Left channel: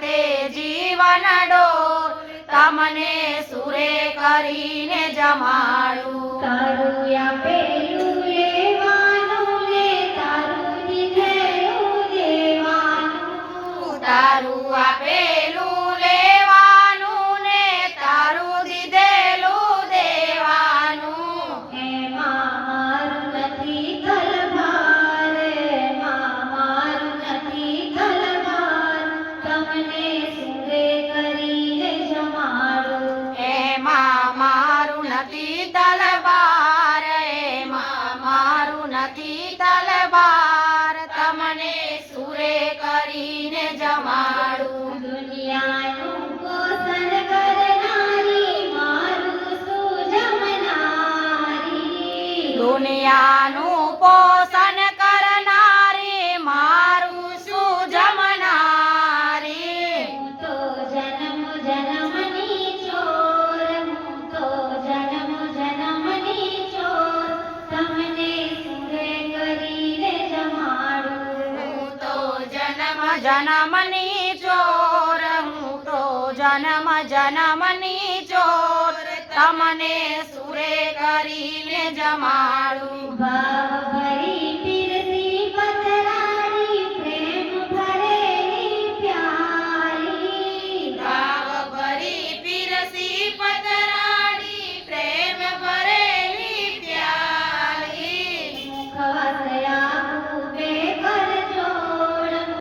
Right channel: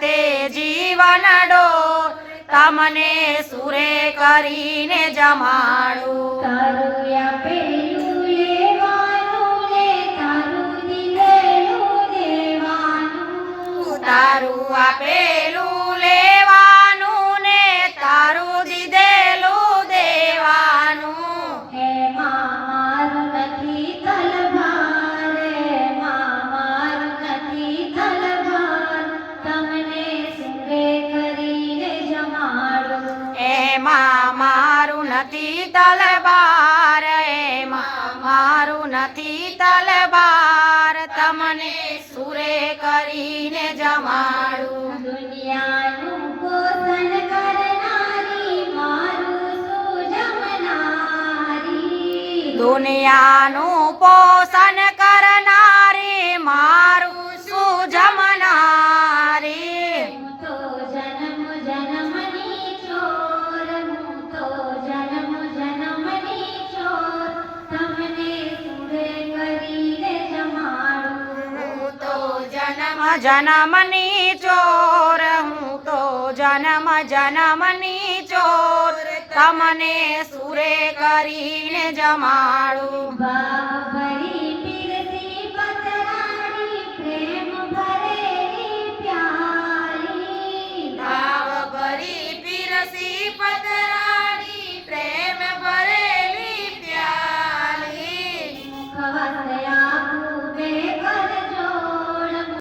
તે જીવન ડોર તમને સુરે કરીને જમાડું તારું આપેલું લેવાનું ને તારું દીધેલું દેવાનું તારું આપેલું લેવાનું ને તારું દીધેલું દેવાનું એમાં મારું નથી તલવાર એમાં મારું નથી તલવાર તમને સુરે કરીને જમાડું એમાં મારું નથી તલવાર એમાં મારું નથી તલવાર તમને સુરે કરીને જમાડું દુનિયાનું પોષણ કરનારી મારું સુજમનારી દુનિયાનું પોષણ કરનારી મારું સુજમનારી હું તો જન્મ જન્મની ચોર હું તો જન્મ જન્મની ચોર તમને સુરે કરીને જમાડું હું તો જન્મ જન્મની ચોર હું તો જન્મ જન્મની ચોર તમને સુરે કરીને જમાડું બાપ